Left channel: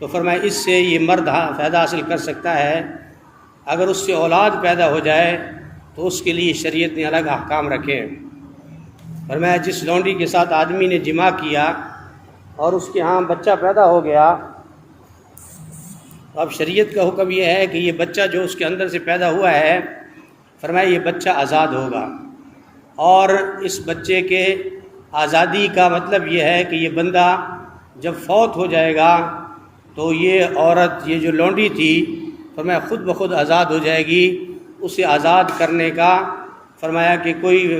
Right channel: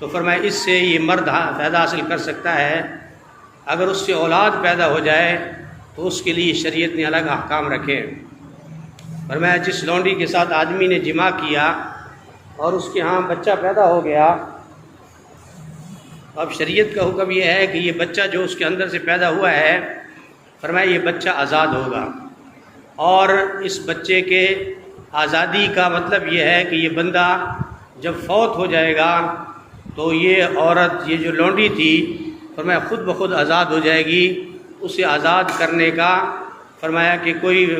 تو فرمایا اس سے یہ مرد فائدہ حاصل کر سکتا ہے، اگر اس سے اولاد پیدا ہو جائے تو اس کے لیے شریعت نے الگ احکام رکھے۔ فرمایا جس لونڈی کے ساتھ آدمی نے جماع کیا اور اس کے ہاں بچہ پیدا ہو گیا، اب شریعت کا حکم یہ ہے کہ یہ بچہ جو اس کے اندر سے پیدا ہوا ہے، فرمایا یہ بچہ آزاد ہوگا، اور اس بچے کے آزادی کا مطلب یہ ہے کہ یہ بندہ جب فوت ہو جائے گا تو یہ عورت، یہ جو لونڈی تھی، فرمایا خود بخود آزاد ہو جائے گی۔ اسے آزاد کرنے کا فرمایا کہ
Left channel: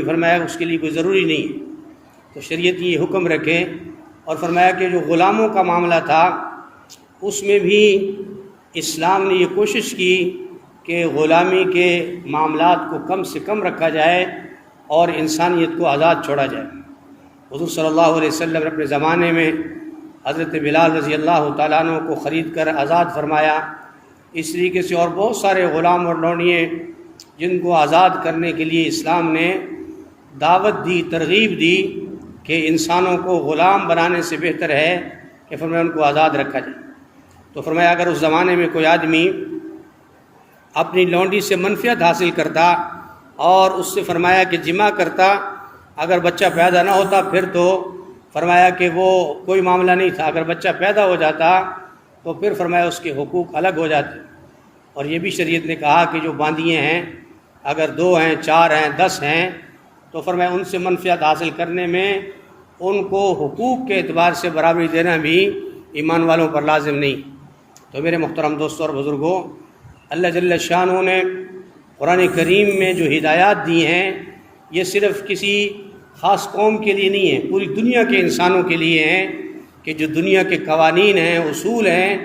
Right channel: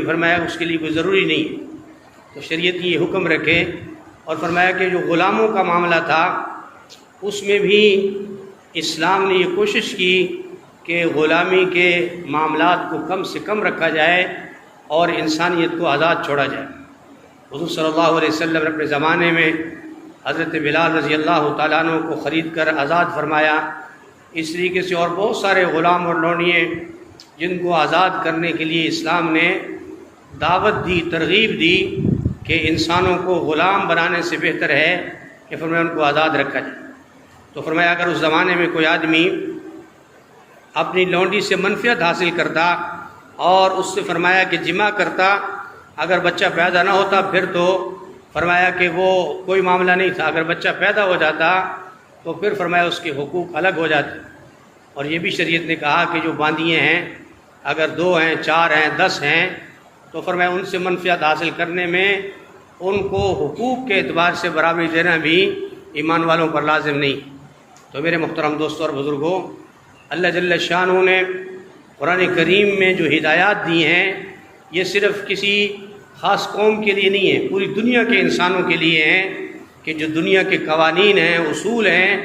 فرمایا اس کے لیے کوئی ضروری نہیں ہے۔ تو شریعت یہ حکم رکھے، اور فرمایا کہ جو غلاموں کا معاملہ تھا اس میں بھی اسلام نے یہ کوشش کی کہ غلامی کے معاملات کو کم سے کم رکھا جائے اور انسانیت کو آزاد چھوڑا جائے۔ حضور صلی اللہ علیہ وسلم نے اپنے زمانے میں حضرت بلال رضی اللہ تعالیٰ عنہ کو خرید کر آزاد فرمایا۔ اس طریقے سے اور بہت سارے غلام اور لونڈیے جن کو آزاد کرنے کے لیے اسلام نے دعوت دی، ترغیب دی کہ انسانوں کو غلام بنانے سے بہتر ہے کہ فرمایا ان کو آزاد رکھا جائے۔ تو فرمایا اگر اس زمانے میں کوئی آدمی اپنی لونڈی سے منفعت حاصل کرتا اور اس سے فرمایا کہ جماع کرتا، اگر بچہ پیدا نہ ہوتا پھر تو فرمایا کہ وہ کوئی معاملہ نہیں تھا، اگر بچہ پیدا ہو جاتا تو پھر فرمایا اس کے حقوق الگ ہو جاتے۔ اور یہ بھی شریعت نے کہا کہ جو باندیے ہیں، اگر 2 ہیں، 4 ہیں، 10 ہیں، تو فرمایا ان سے منفعت حاصل کرنے میں ان کو حقوق کے اعتبار سے برابری دینا بھی ایمان والوں پر لازم نہیں۔ تو میرے محترم دوستوں اور بزرگوں، اللہ جل شانہ نے قرآن کریم میں جو ہدایات دی ہیں یہ صرف کسی خاص قوم کے لیے نہیں ہے، پوری دنیا کے انسانوں کے لیے ہیں، کہ جو دنیا کے قوانین ہیں، اصول ہیں،